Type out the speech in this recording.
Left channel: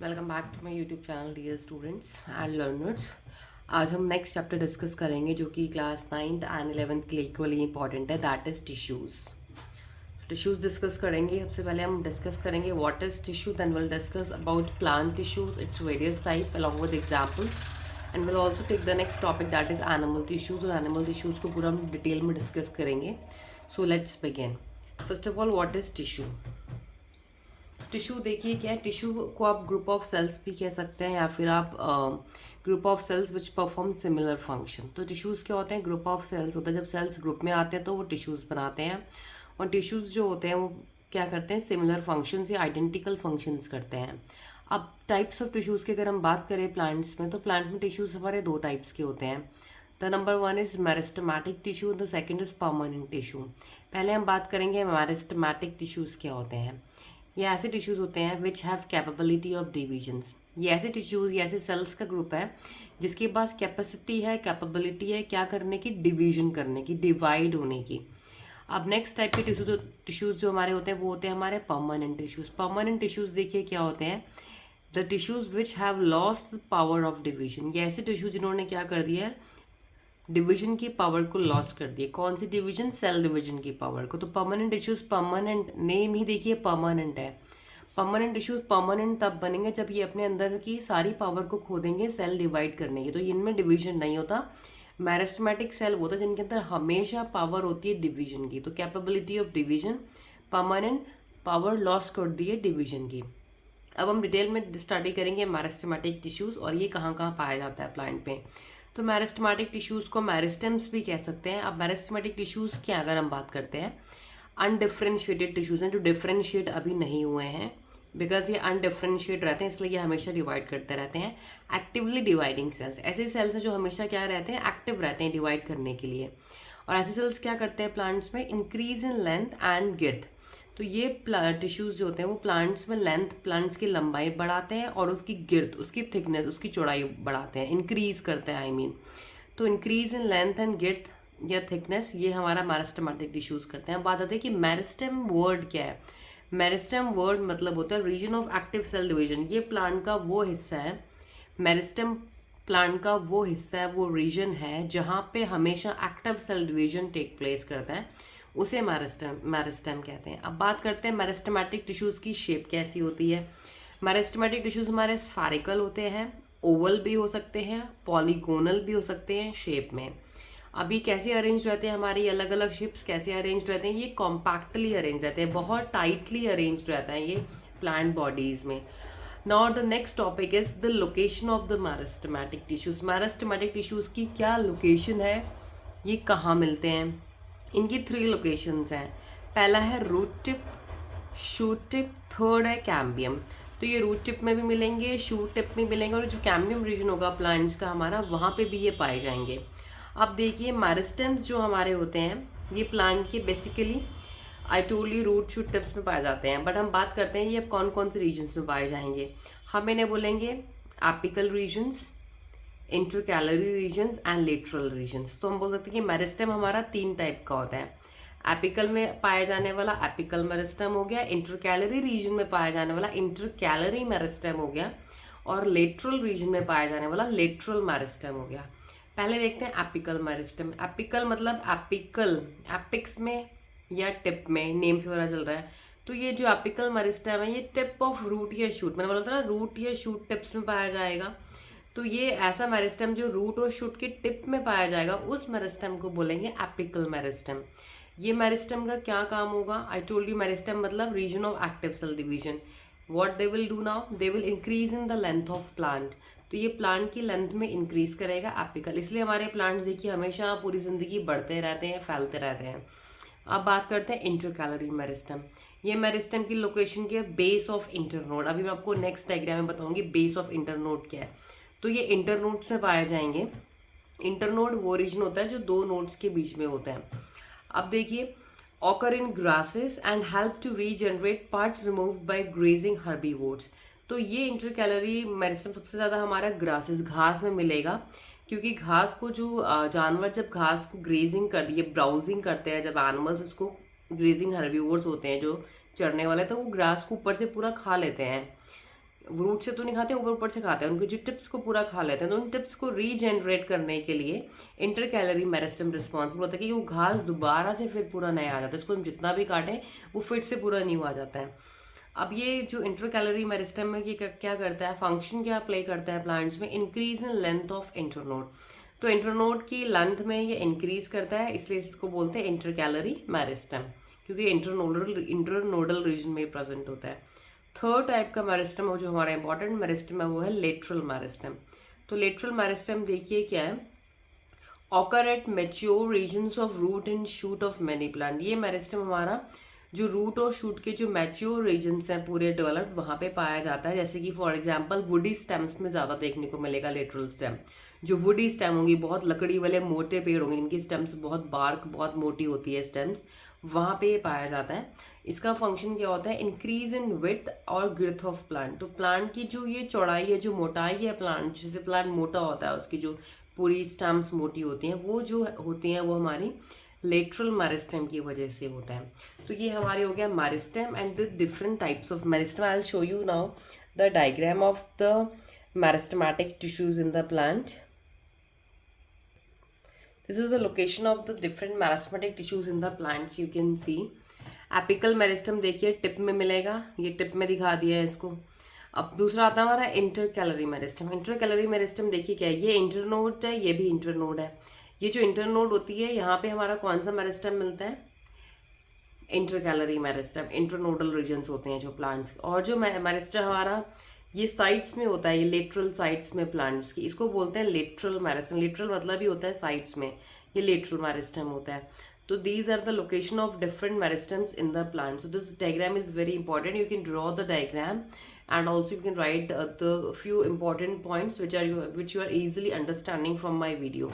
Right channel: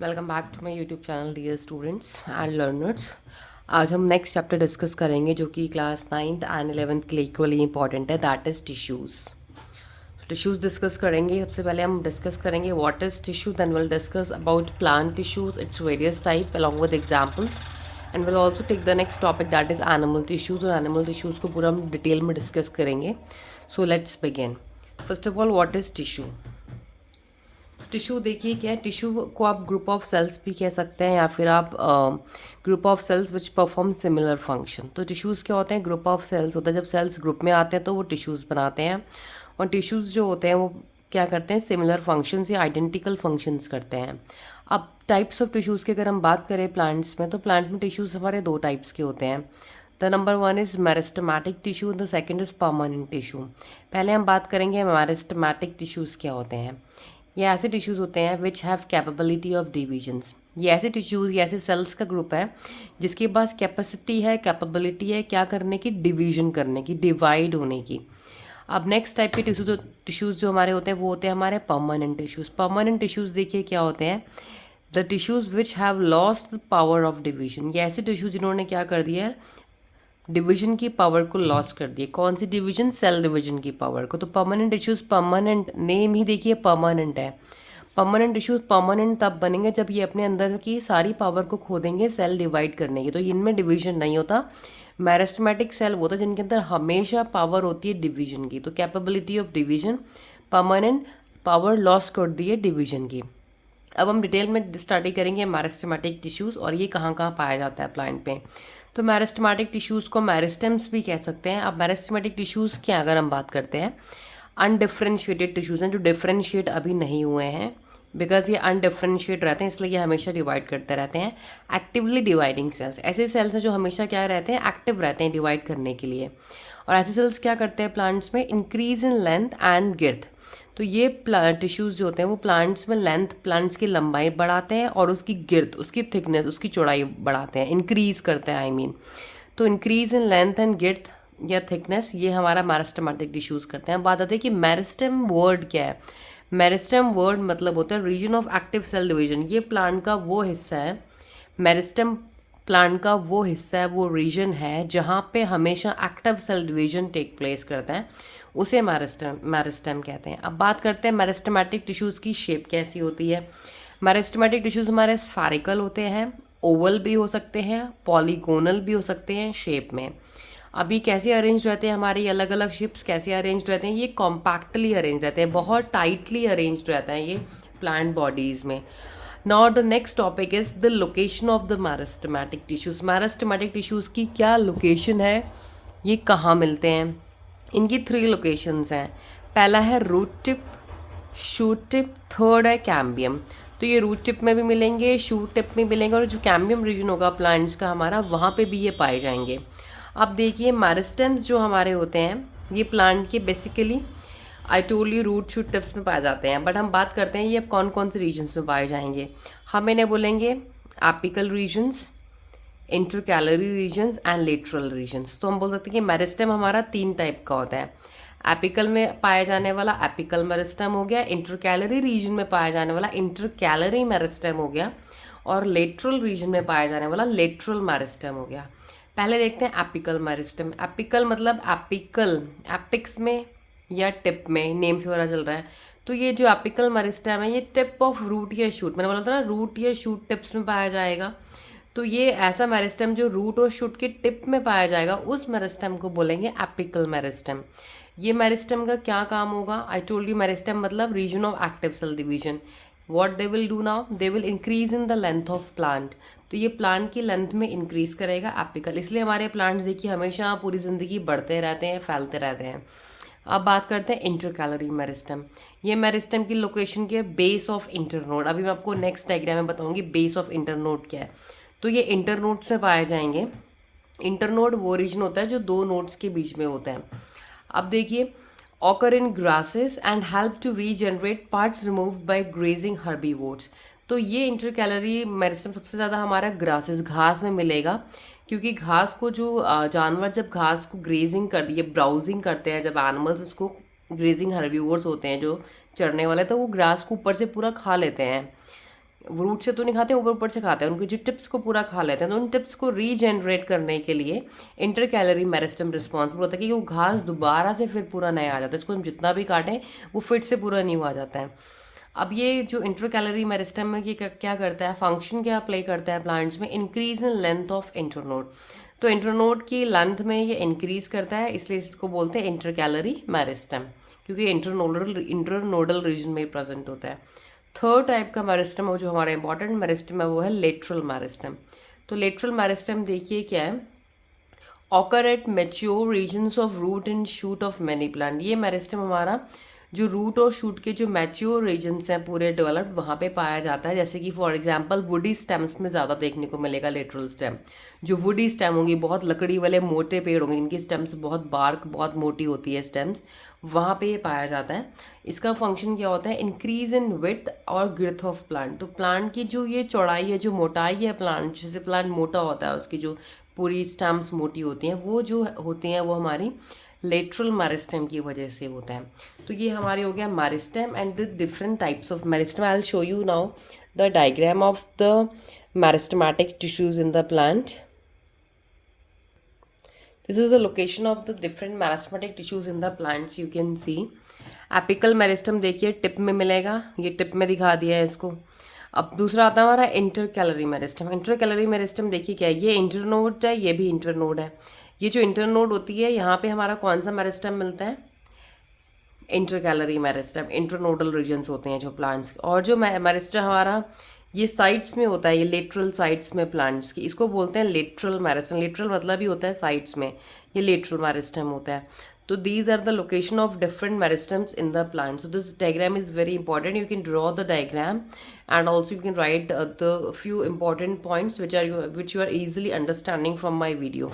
Welcome back to my YouTube channel dear students and learners. आज हम next chapter discuss करेंगे जो कि क्लास 9th एंड 11th के लिए इक्वली इंपॉर्टेंट है, that is tissues. Tissues discuss करेंगे। सबसे पहले हम डिस्कस करेंगे what is tissue, then will discuss about plant tissues, its various type along with examples, and will also take the next topic that is animal tissues. और animal tissues को पूरा हम detail में डिस्कस करेंगे। So let's begin. First of all, what is tissue? Tissue देखिए क्या है। Tissue को आप ग्रुप ऑफ सेल्स भी कह सकते हैं या फिर आप group of cells which perform similar function. तो टिश्यूज़ क्या होते हैं? ग्रुप ऑफ सेल्स होता है। जब सेल्स ग्रुप में आते हैं तो वो टिश्यूज़ बनाते हैं, और टिश्यूज़ जो होते हैं वो क्या करते हैं? सिमिलर फंक्शंस या आइडेंटिकल फंक्शंस करते हैं। अब टाइप्स ऑफ टिश्यूज़ की अगर हम बात करें प्लांट्स में, तो प्लांट में टिश्यूज़ हमारे दो टाइप्स के होते हैं। The number one is meristematic tissue, the second is permanent tissue. पहले हम बात करेंगे मेरिस्टेमेटिक टिश्यूज़ क्या होते हैं। ये ऐसे टिश्यूज़ होते हैं which have capability of divisions. ये ऐसे टिश्यूज़, ये ऐसे सेल्स का ग्रुप है जिसके पास कैपेसिटी है, कैपेबिलिटी है क्या करने की? डिवीजन करने की, डिवाइड होने की। अब नेक्स्ट टाइप के टिश्यूज़ जो हमारे होते हैं वो होते हैं हमारे परमानेंट टिश्यूज़। परमानेंट टिश्यूज़ देखिए क्या होते हैं? The tissues which have lost the power of division. ये ऐसे टिश्यूज़ जिन्होंने क्या कर दिया है? डिवीजन की पावर को लॉस कर दिए। कौन सी डिवीजन? सेल डिवीजन की पावर को। तो परमानेंट इश्यूज, परमानेंट नेम ही देखिए परमानेंट है। परमानेंट इश्यूज परमानेंट तब बनेंगे जब ये अपने अंदर की सारी पावर को खो देंगे सेल डिवाइड करने की, तो इनमें डिवीजन नहीं होता। मैरिस्टमेटिक सेल वो होता है जिनके अंदर हमेशा पावर होती है डिवीजन की, तो capability of division. Permanent power loss कर दी है डिवीजन की। अब हम डिटेल में स्टडी करेंगे मैरिस्टेमेटिक टिश्यूज़ और ये कहाँ कहाँ पाया जाता है प्लांट पे। तो मैरिस्टेमेटिक टिश्यूज़ को मैरिस्टेम्स भी कह सकते हैं। अब मैरिस्टेमेटिक टिश्यूज़ की अगर हम बात करते हैं, अनडिफ्रेंशिएटेड टिश्यूज़ हैं जो डिफ्रेंशिएट अभी नहीं हुए हैं, बिकॉज ये अनडिफ्रेंशिएट रहते हैं इसलिए ये हमेशा डिवाइड करते रहते हैं। एक्टिवली डिवाइडिंग सेल्स, ऐसे सेल्स हैं जो हमेशा क्या रहते हैं? एक्टिव रहते हैं डिवाइड करने के लिए। और ऐसे सेल्स क्या करते हैं प्लांट्स में? Increase in length and girth. तो ये टिश्यूज़ जो होते हैं वो प्लांट्स में लेंथ, प्लांट्स की लंबाई बढ़ाते हैं और उसकी गिर्थ, उसकी थिकनेस, उसकी चौड़ाई बढ़ाते हैं, इंक्रीज करते हैं आई मीन। तो इंक्रीज इन लेंथ एंड गिर्थ या थिकनेस ये हमारा मैरिस्टेमेटिक टिश्यूज़ करते हैं। अब बात आती है कि मेरिस्टेम वर्ड क्या है। मेरिस्टेम वर्ड मतलब होता है region of active cell division. ये प्लांट का वो हिस्सा है, मेरिस्टेम प्लांट का वो हिस्सा है, वो रीजन है जहाँ पे हमेशा active cell division take place करता है, उसे मेरिस्टेम कहते हैं। अब बात करते हैं मेरिस्टेमेटिक टिश्यूज़ की शेप कैसी होती है। मेरिस्टेमेटिक टिश्यूज़ हमारे स्फेरिकल होते हैं, ओवल भी हो सकते हैं, पॉलीगोनल भी हो सकते हैं शेप में। अभी कैसे अरेंज रहते हैं हमारी अलग अलग शेप्स, कैसे अरेंज रहते हैं? ये कॉम्पैक्टली अरेंज रहते हैं, बहुत टाइटली अरेंज रहता है ये प्लांट बॉडीज़ में। Now the next topic is the location of the meristematic tissues. Meristematic tissues की क्या लोकेशन है, ये कहाँ मिलते हैं? इनकी 3 लोकेशंस हैं। पहला है root tip, shoot tip, third है कैम्बियम। तो ये रूट टिप में भी मिलेंगे, शूट टिप में मिलेंगे, और जो कैम्बियम रीजन होगा प्लांट्स का हमारा, वहाँ पे भी ये पाए जाएंगे। अब देखिए मेरिस्टेम्स जो हमारे होते हैं ये प्लांट के basically I told you root shoot tips में पाए जाते हैं, बट हम बात करते हैं ये अब कौन कौन से रीजन्स में पाए जाएंगे। हम इन्हें बोलेंगे apical regions, intercalary regions and lateral regions. तो हम बोल सकते हैं कि मेरिस्टेम हमारा 3 टाइप का होता है। एपिकल में पाया जाने वाला एपिकल मेरिस्टेम हो गया, इंटरकैलरी रीजन में पाया जाने वाला इंटरकैलरी मेरिस्टेम हो गया, और लेटरल रीजन में पाया जाने वाला लेटरल मेरिस्टेम हो गया। पहले देखते हैं एपिकल मेरिस्टेम। एपिकल मतलब एपिकल, एपिक्स में या टिप में, नेम से पता चल रहा है। तो ये जो एपिकल मेरिस्टेम है ये टिप ऑफ रूट या शूट, मैंने बोला था ना रूट या शूट टिप्स में पाया जाएगा। तो ये ऐसा मेरिस्टेम जो रूट और शूट के टिप में पाया जाएगा उस मेरिस्टेम को बोलेंगे एपिकल मेरिस्टेम। ये मेरिस्टेम का क्या काम होगा? आई टोल्ड यू मेरिस्टेम मतलब region of active cell division. What they will do now? They will increase in the length of plant. तो ये प्लांट की लेंथ में इंक्रीज करेगा एपिकल, इसलिए हमारे प्लांट्स देखिए हमेशा पूरी ज़िंदगी बढ़ते रहते हैं, फैलते रहते हैं। अब बात करते हैं इंटरकैलरी मेरिस्टेम। ये मेरिस्टेम की लोकेशन क्या है? Base of internode. अभी मैं आपको नेक्स्ट डायग्राम में बताऊंगी बेस ऑफ इंटरनोड क्या है। तो ये इंटरनोड से पाए जाएंगे। इंटरनोड वो रीजन होता है जो 2 नोड्स के बीच में होता है। अब देखिए occur in grasses and help to regenerate parts removed by grazing herbivores. तो ये इंटरकैलरी मेरिस्टेम सबसे ज़्यादा हमारा ग्रासेस, घास में मिलेगा, क्योंकि घास को जो जानवर जब घास को ग्रेजिंग कर ये ब्राउजिंग करते हैं, जब एनिमल्स उसको ग्रेजिंग हर्बीवोर्स होते हैं जो चरने वाले, तो वो ग्रास को ऊपर से पूरा खा लेते हैं रूट से तो नहीं खाते, ऊपर ऊपर से खाते हैं, उनके जो टिप्स को पूरा खा लेते हैं। तो उन टिप्स को रीजनरेट करने के लिए इंटर कैलोरी मेरिस्टम रिस्पॉन्सिबल होता है कि वो घास दोबारा से फिर पूरा नया आ जाता है। इसको हम जितना भी काटें वो फिर से पूरा न्यू आ जाता है। अब ये जो इंटर कैलोरी मेरिस्टम है, ये क्या करता है, फंक्शन क्या प्ले करता है प्लांट्स में, increase in length of internode. तो इंटरनोड की लेंथ में ये इंक्रीज करता है, इसलिए इसको बोलते हैं इंटर कैलोरी मेरिस्टम, क्योंकि इंटरनोडल रीजन में प्रेजेंट होता है। थर्ड टाइप का मेरिस्टम है जो हमारा इंपॉर्टेंट मेरिस्टम है, वो है लेटरल मेरिस्टम। तो लेटरल मेरिस्टम देखिए क्या है, occur at mature regions of root and shoot of many plant. ये मेरिस्टम हमारा जो रूट और शूट के जो मैच्योर रीजन्स हैं पूरे डेवलप्ड, वहाँ पे पाया जाता है। जैसे कि फॉर एग्जांपल वुडी स्टेम्स में ज़्यादा देखने को मिलेगा लेटरल स्टेम। जो वुडी स्टेम होंगी, बहुत लकड़ी वाले मोटे पेड़ होंगे, इनकी स्टेम्स बहुत बार्क बहुत मोटी होती है स्टेम्स, वहाँ पे ये पाया जाता है। इसका फंक्शन क्या होता है, इंक्रीज इन विड्थ और ग्रोथ ऑफ प्लांट। तो प्लांट की जो ये चौड़ाई है, जो मोटाई है प्लांट, जैसे प्लांट मोटा होता है उसकी जो पूरी स्टेम्स मोटी होती हैं, वो जो होती हैं वो हमारी लेटरल मेरिस्टेम की वजह से होता है। तो ये हमारे हो गया meristem and the different types of meristem. I will show you now the diagram of the meristematic tissues in the plant. This is the location of the different meristematic tissues in the plants. You can see apical meristem देखिए tip में मिलेगा, ये tip में दिखा दिया है इसको। अब दूसरा आता है हमारा inter calorie meristem. Inter calorie meristem देखिए क्या है, ये इंटरनोड है, ये भी इंटरनोड है। ये जो इंटरनोड होती है, यहाँ पे हमारा कौन सा मेरिस्टम मिलता है, intercalary meristem. Internodal regions होते हैं जो प्लांट्स, और जो मेरिस्टम हमारा ये साइड्स में होता है, ये लेटरल साइड्स में प्लांट्स की, इसको बोलते हैं लेटरल मेरिस्टम। लेटरल मतलब ही होता है साइड्स में, ये लेटरल मेरिस्टम होता है। तो these are the location of different meristems in the plant. So this diagram is very important. You can draw the diagram and also you can write the few important points which you are easily understanding from my video.